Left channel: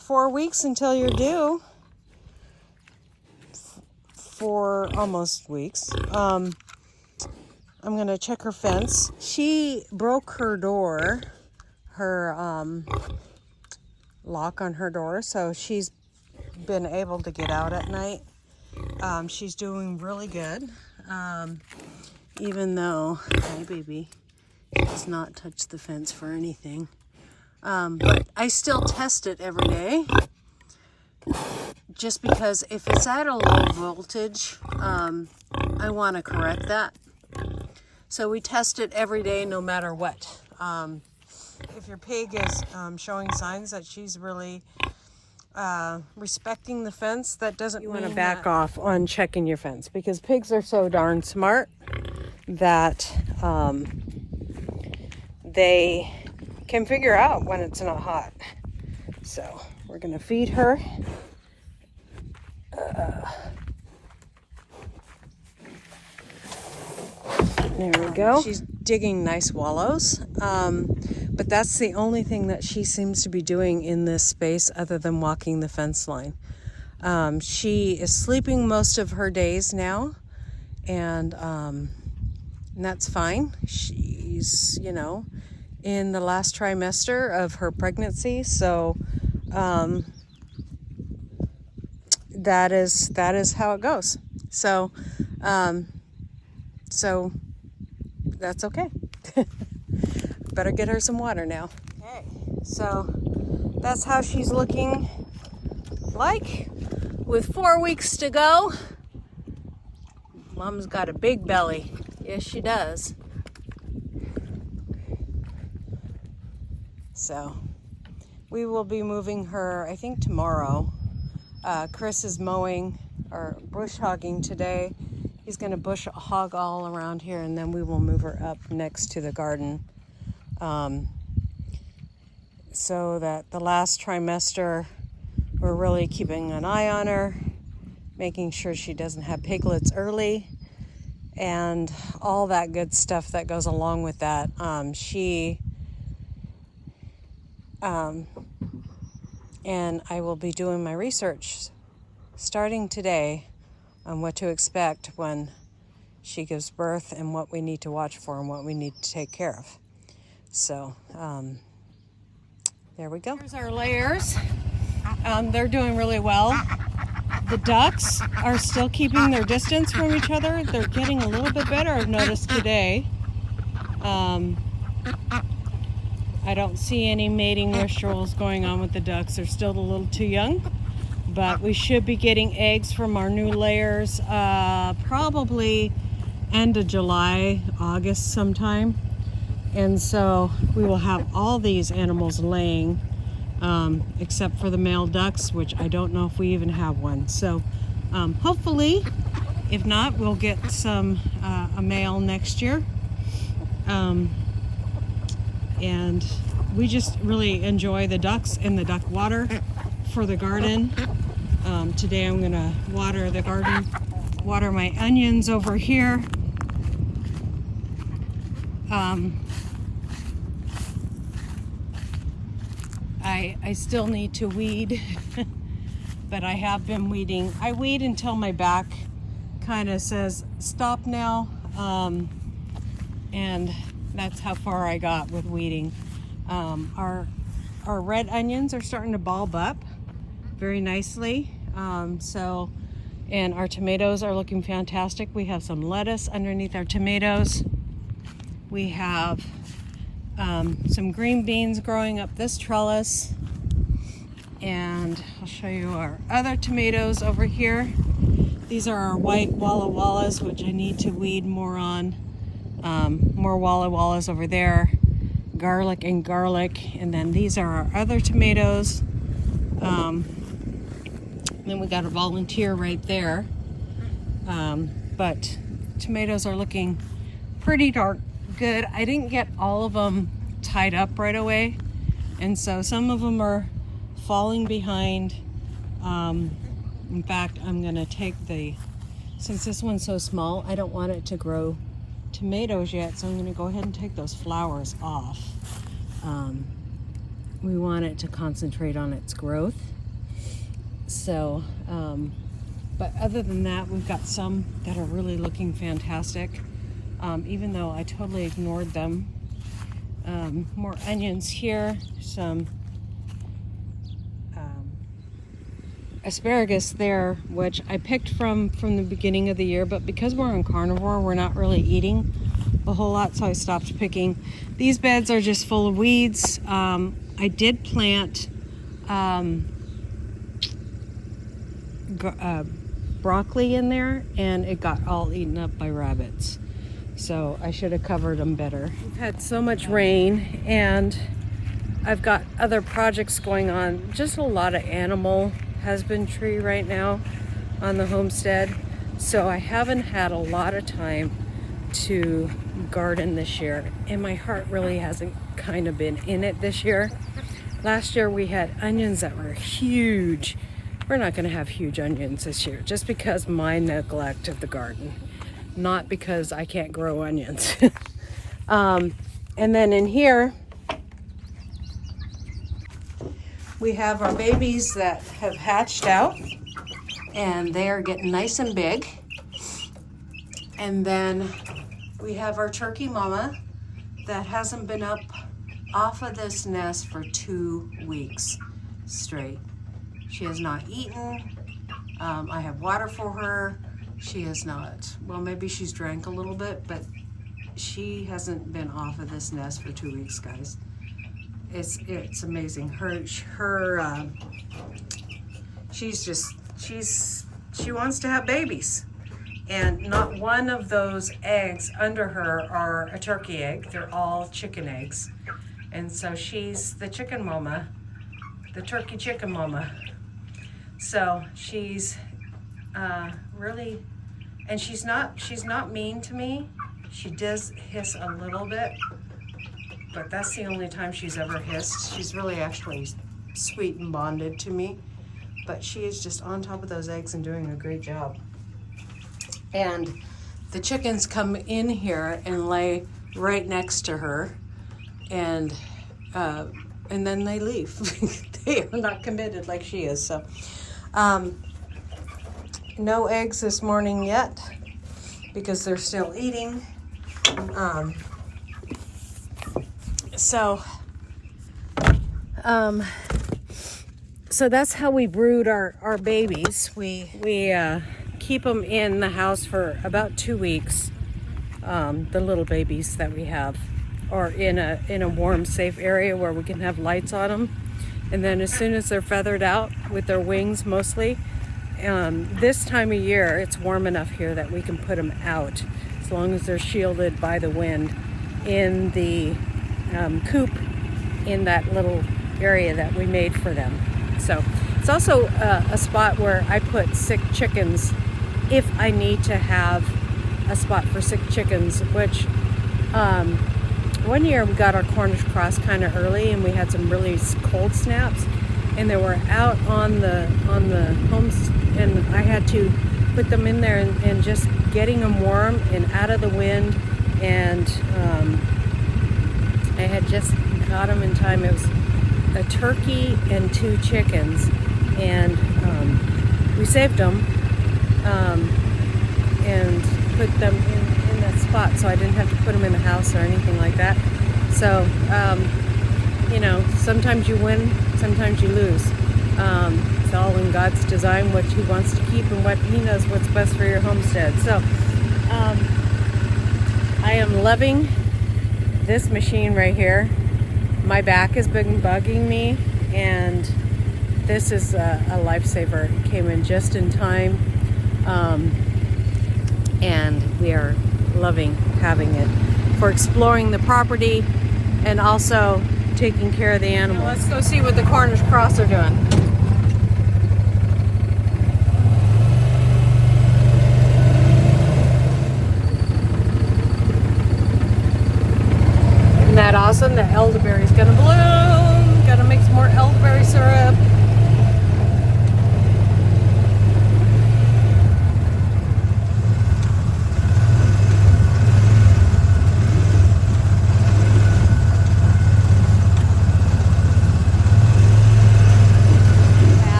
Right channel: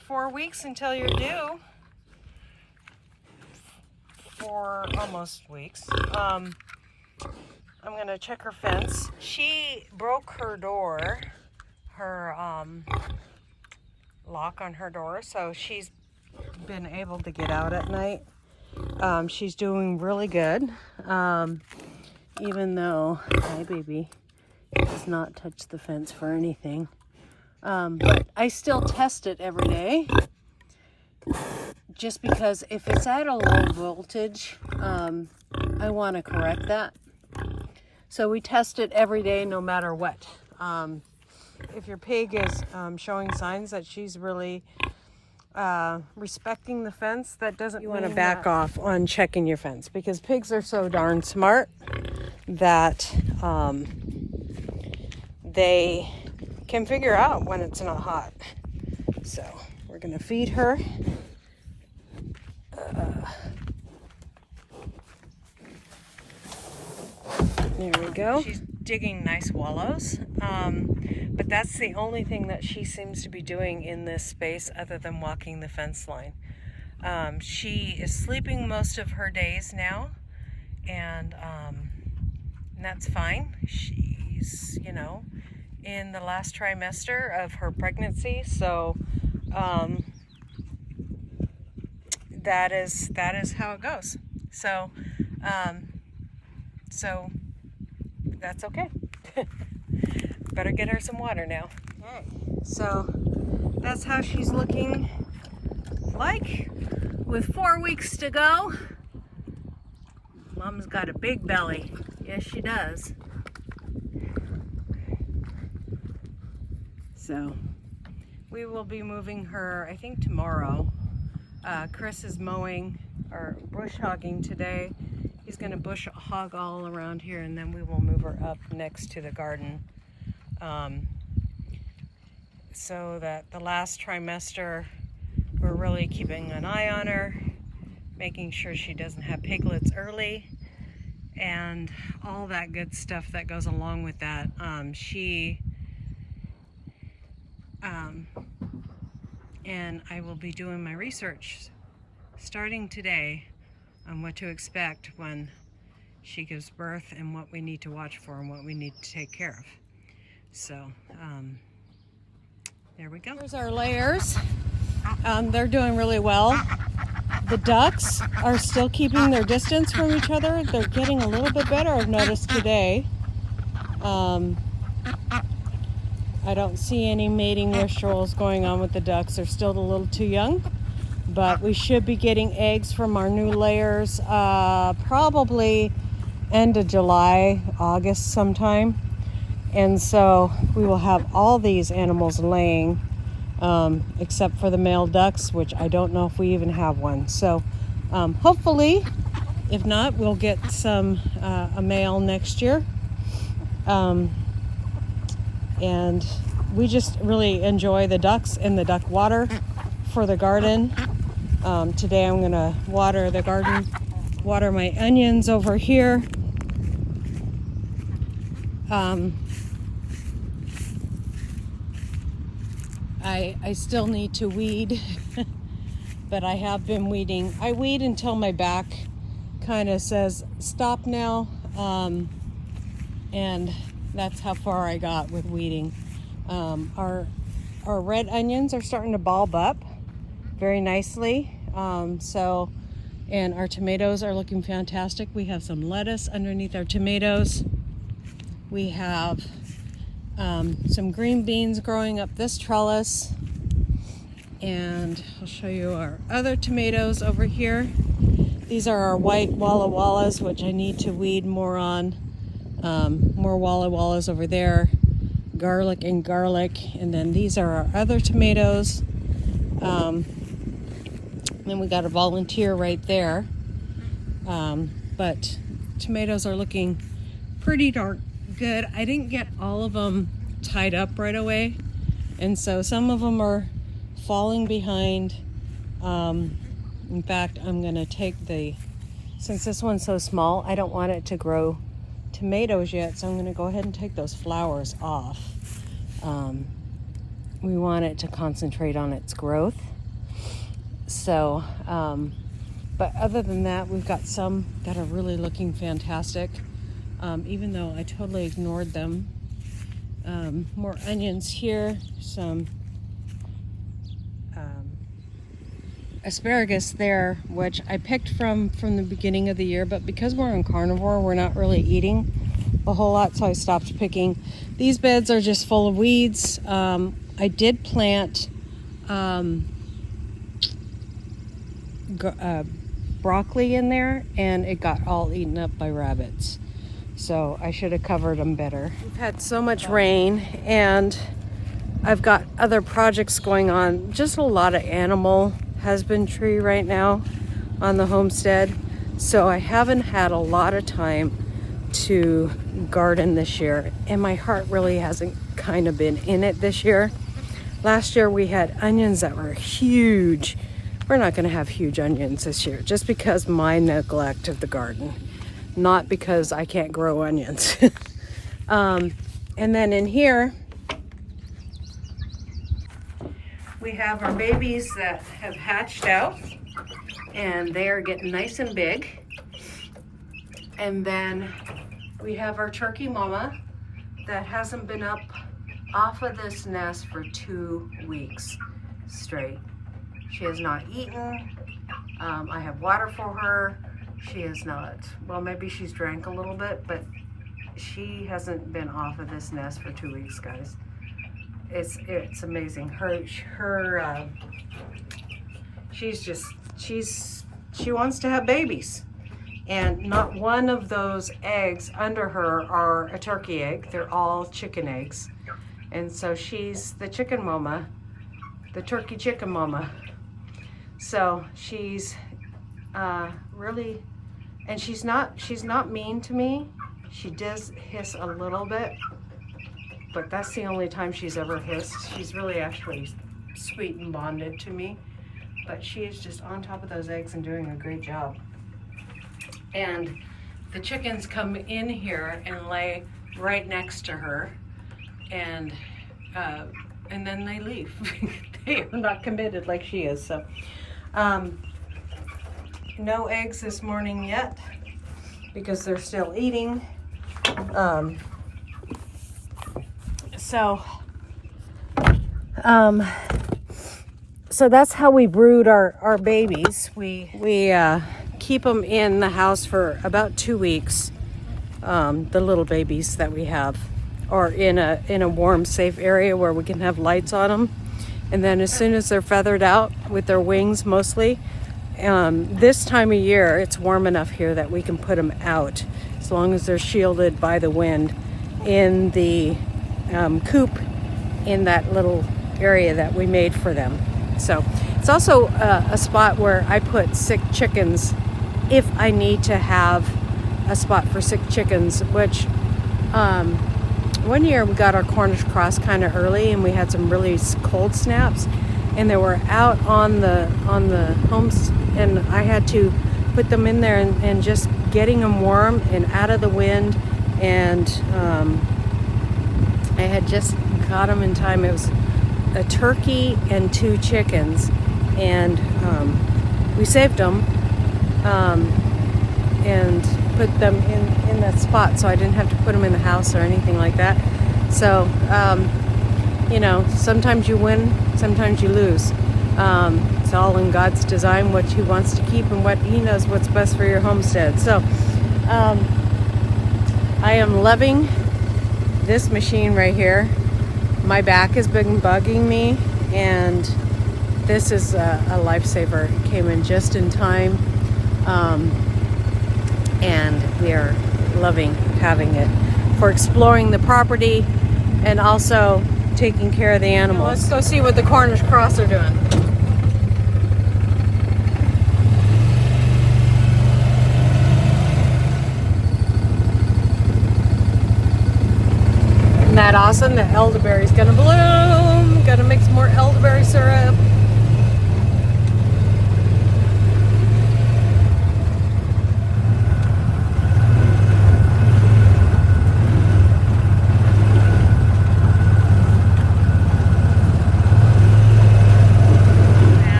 4 weeks until you're due. 4 almost weeks. I'm gonna check her fence. She broke her door, her lock on her door, so she's been able to get out at night. She's doing really good, even though, hi baby, does not touch the fence for anything. But I still test it every day, just because if it's at a low voltage, I want to correct that. So we test it every day no matter what. If your pig is showing signs that she's really respecting the fence, that doesn't mean you want to back off on checking your fence, because pigs are so darn smart that they can figure out when it's not hot. So we're going to feed her. There we go. She's digging nice wallows, but that's the only thing that she seems to be doing in this space other than walking the fence line. She is sleeping most of her days now, and that's fine. She's, you know, in the last trimester of her pregnancy, so that is how it goes. So so that's okay. Better get her some water now. Okay, so that's how she's looking like with 4 weeks to go. Mom's got a big belly. Yes, she does. So we will be moving her, I think, tomorrow. Chris is mowing or bush hogging today. He's going to bush hog all around here, and then we will move her up next to the garden. So that the last trimester, we're really keeping an eye on her, making sure she doesn't have piglets early, and all that good stuff that goes along with that. And I will be doing my research starting today on what to expect when she gives birth and what we need to watch for and what we need to take care of. So there we go. Here's our layers. They're doing really well. The ducks are still keeping their distance from each other. They're getting a little bit better, I've noticed today. I don't see any mating rituals going on with the ducks. They're still a little too young, but we should be getting eggs from our new layers probably end of July, August sometime. And so we will have all these animals laying, except for the male ducks, which I don't know if we even have one. So hopefully, if not, we'll get a male next year. And we just really enjoy the ducks and the duck water for the garden. Today I'm gonna water the garden, water my onions over here. I still need to weed, but I have been weeding. I weed until my back kind of says stop now, and that's how far I got with weeding. Our red onions are starting to bulb up very nicely. And our tomatoes are looking fantastic. We have some lettuce underneath our tomatoes. We have some green beans growing up this trellis. And I'll show you our other tomatoes over here. These are our white Walla Wallas, which I need to weed more on. More Walla Wallas over there. Garlic and garlic. And then these are our other tomatoes. Then we got a volunteer right there. But tomatoes are looking pretty darn good. I didn't get all of them tied up right away. And so some of them are falling behind. In fact, I'm gonna take since this one's so small, I don't want it to grow tomatoes yet, so I'm gonna go ahead and take those flowers off. we want it to concentrate on its growth. So, but other than that, we've got some that are really looking fantastic, even though I totally ignored them. More onions here, some asparagus there, which I picked from the beginning of the year, but because we're on carnivore, we're not really eating a whole lot, so I stopped picking. These beds are just full of weeds. I did plant broccoli in there, and it got all eaten up by rabbits, so I should have covered them better. We've had so much rain, and I've got other projects going on. Just a lot of animal husbandry right now on the homestead, so I haven't had a lot of time to garden this year, and my heart really hasn't kind of been in it this year. Last year we had onions that were huge. We're not going to have huge onions this year, just because my neglect of the garden, not because I can't grow onions. And then in here we have our babies that have hatched out, and they are getting nice and big. And then we have our turkey mama that hasn't been up off of this nest for 2 weeks straight. She has not eaten. I have water for her. She has not, well, maybe she's drank a little bit, but she hasn't been off of this nest for 2 weeks, guys. It's amazing. She wants to have babies, and not one of those eggs under her are a turkey egg. They're all chicken eggs, and so she's the chicken mama, the turkey chicken mama. So she's really, and she's not mean to me. She does hiss a little bit, but that's the only time she's ever hissed. She's really actually sweet and bonded to me, but she is just on top of those eggs and doing a great job. And the chickens come in here and lay right next to her, and then they leave. They are not committed like she is. So no eggs this morning yet because they're still eating. So that's how we brood our babies. We keep them in the house for about 2 weeks, the little babies that we have, or in a warm, safe area where we can have lights on them. And then as soon as they're feathered out with their wings mostly, this time of year it's warm enough here that we can put them out, as long as they're shielded by the wind in the coop in that little area that we made for them. So it's also a spot where I put sick chickens if I need to have a spot for sick chickens, which one year we got our Cornish cross kind of early, and we had some really cold snaps, and they were out on the homes, and I had to put them in there and just getting them warm and out of the wind, and I had just got them in time. It was a turkey and 2 chickens, and we saved them and put them in that spot, so I didn't have to put them in the house or anything like that. So sometimes you win, sometimes you lose. It's all in God's design, what he wants to keep and what he knows what's best for your homestead. So I am loving this machine right here. My back has been bugging me, and this is a lifesaver. It came in just in time, and we are loving having it for exploring the property and also taking care of the animals. Let's go see what the Cornish cross are doing. Isn't that awesome? The elderberry's gonna bloom. Gotta make some more elderberry syrup.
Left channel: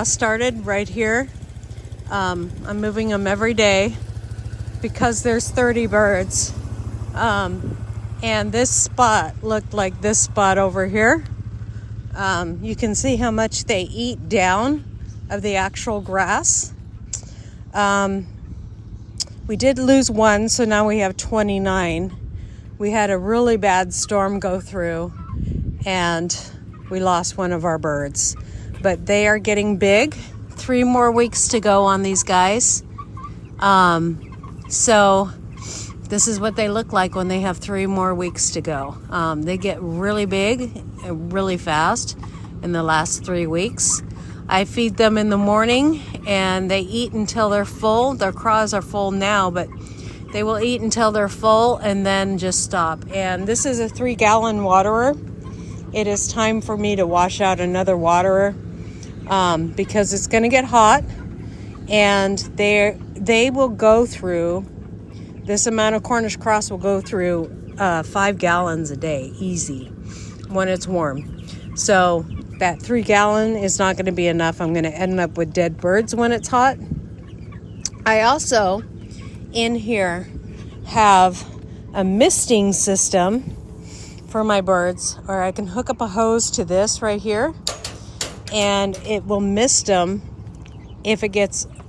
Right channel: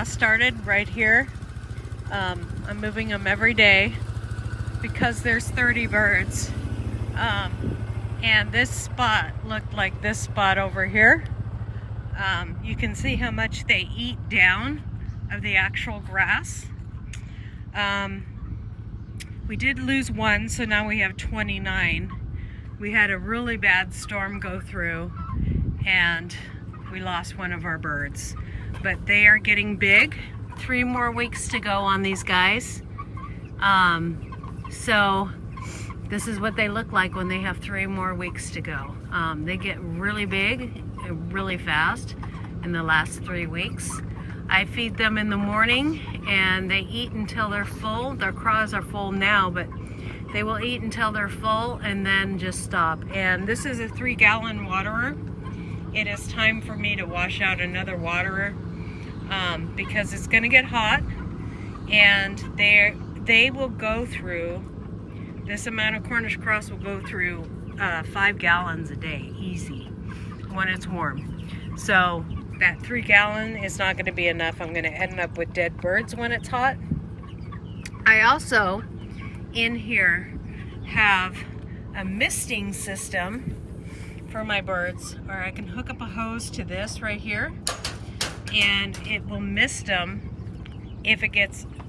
class started right here. I'm moving them every day because there's 30 birds. And this spot looked like this spot over here. You can see how much they eat down of the actual grass. We did lose one, so now we have 29. We had a really bad storm go through and we lost one of our birds. But they are getting big. 3 more weeks to go on these guys. So this is what they look like when they have 3 more weeks to go. They get really big and really fast in the last 3 weeks. I feed them in the morning and they eat until they're full. Their craws are full now, but they will eat until they're full and then just stop. And this is a 3-gallon waterer. It is time for me to wash out another waterer because it's gonna get hot, and they will go through, this amount of Cornish cross will go through 5 gallons a day, easy, when it's warm. So that 3-gallon is not gonna be enough. I'm gonna end up with dead birds when it's hot. I also, in here, have a misting system for my birds, or I can hook up a hose to this right here and it will mist them.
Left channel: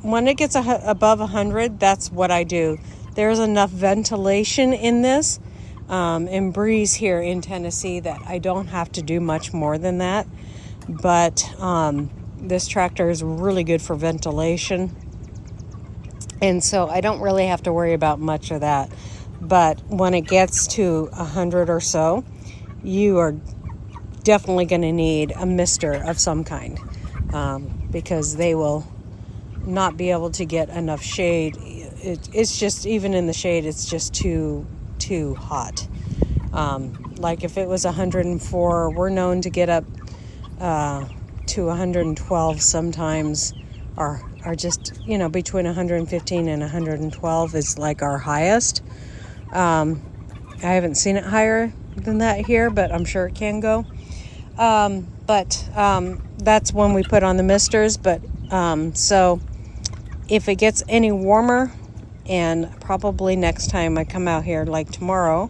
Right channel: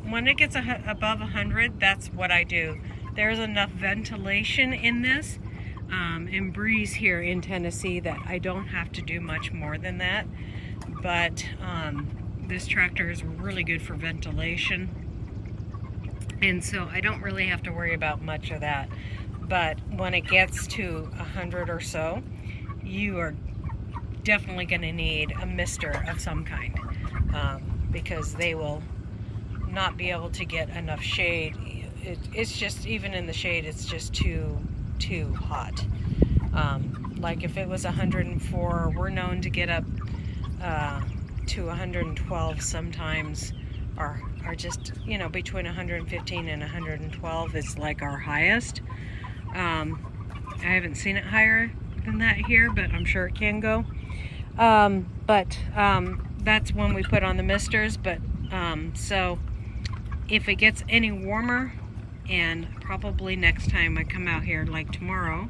When it gets above 100, that's what I do. There's enough ventilation in this and breeze here in Tennessee that I don't have to do much more than that. But this tractor is really good for ventilation, and so I don't really have to worry about much of that. But when it gets to 100 or so, you are definitely going to need a mister of some kind because they will not be able to get enough shade. It's just, even in the shade, it's just too hot. Like if it was 104, we're known to get up to 112 sometimes, are just, you know, between 115 and 112 is like our highest. I haven't seen it higher than that here, but I'm sure it can go. That's when we put on the misters. But so if it gets any warmer, and probably next time I come out here, like tomorrow,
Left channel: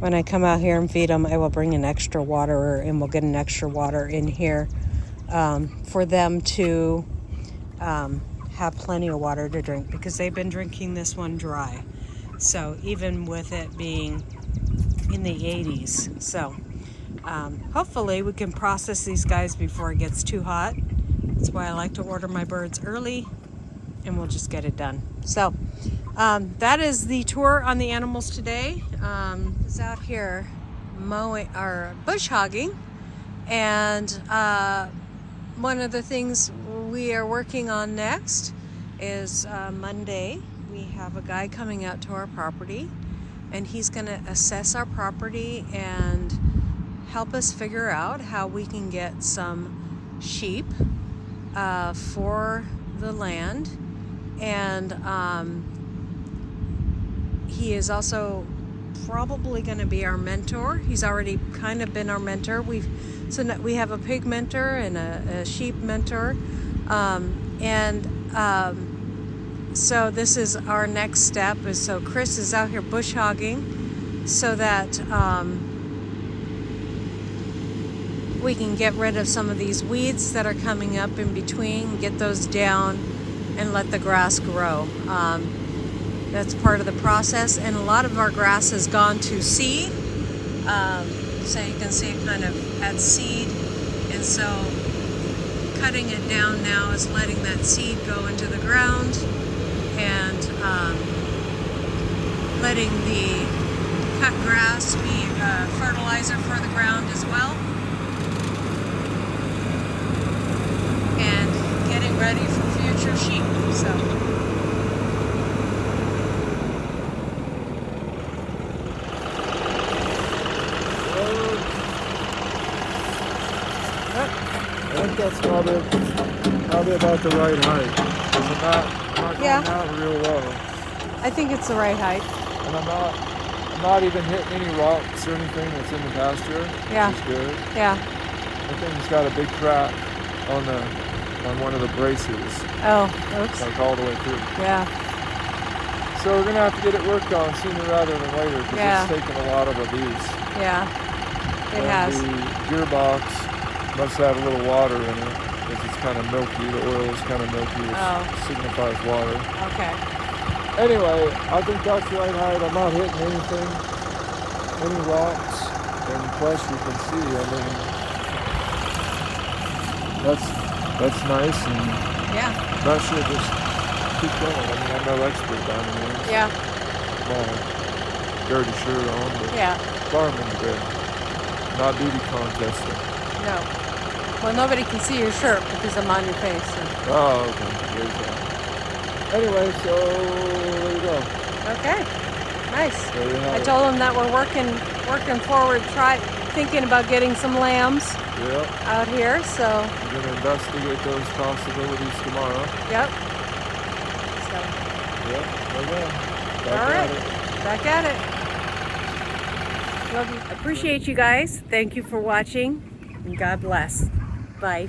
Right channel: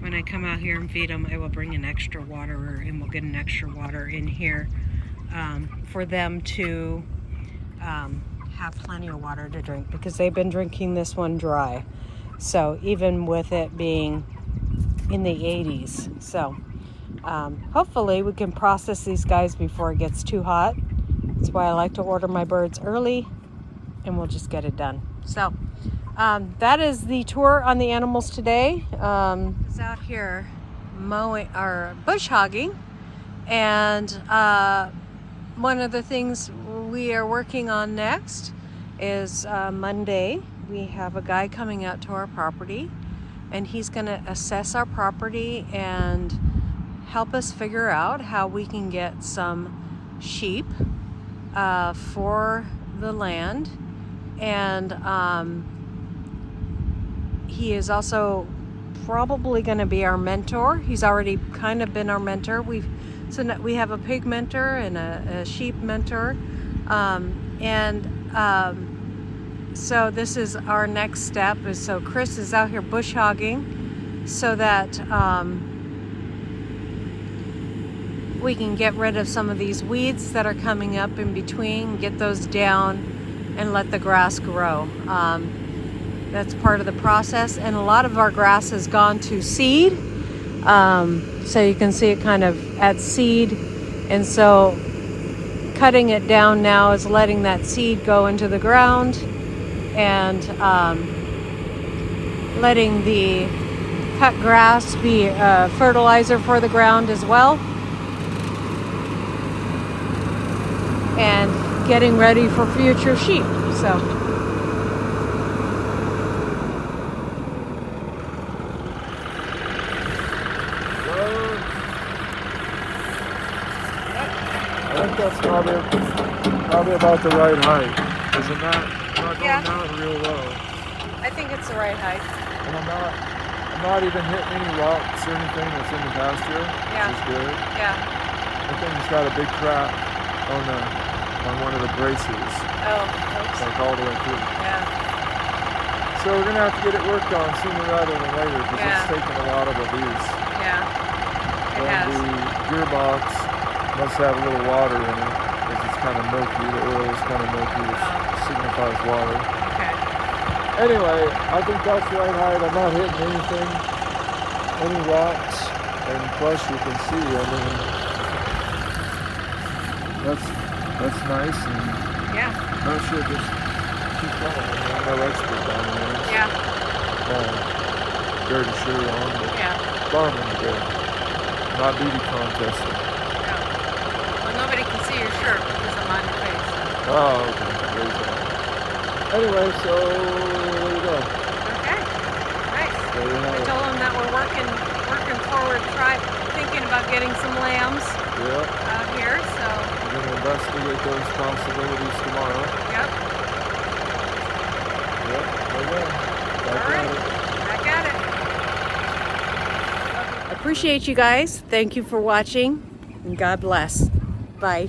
when I come out here and feed them, I will bring an extra waterer and we'll get an extra water in here for them to have plenty of water to drink, because they've been drinking this one dry. So even with it being in the 80s. So hopefully we can process these guys before it gets too hot. That's why I like to order my birds early, and we'll just get it done. So that is the tour on the animals today. Is out here mowing or bush hogging, and one of the things we are working on next is Monday. We have a guy coming out to our property, and he's going to assess our property and help us figure out how we can get some sheep for the land. And he is also probably going to be our mentor. He's already kind of been our mentor. We have a pig mentor and a sheep mentor, so this is our next step. So Chris is out here bush hogging so that we can get rid of some of these weeds that are coming up in between, get those down, and let the grass grow. That's part of the process, and a lot of our grass has gone to seed. So you can see it kind of at seed, and so cutting it down now is letting that seed go into the ground, and letting the cut grass be fertilizer for the ground as well, and getting ready for future sheep. So I think that's probably about the right height. Isn't that? Not yeah. Going out real low. I think it's the right height. And I'm not even hitting any rocks or anything that's in the pasture, Yeah. which is good. Yeah. I think it's got a big crack on the on one of the braces. Oh, oops. Like all the way through. Yeah. So we're gonna have to get it worked on sooner rather than later because Yeah. it's taken a lot of abuse. Yeah. It And has. the gearbox must have a little water in it because it's kind of milky. The oil is kind of milky, which signifies water. Okay. Anyway, I think that's the right height. I'm not hitting anything, any rocks, and plus you can see, I mean, that's nice, and Yeah. that should just keep going. I mean, I'm no expert by any means. Yeah. My dirty shirt on, but Yeah. farming today, not beauty contesting. No. Well, nobody can see your shirt because I'm on your face. So. Oh, okay. There's that. Anyway, so there we go. Okay. Nice. There you have I it. told them that we're working forward, thinking about getting some lambs Yep. out here. So. We're going to investigate those possibilities tomorrow. Yep. Yep. Okay. Back at it. Back at it. I appreciate you guys. Thank you for watching, and God bless. Bye.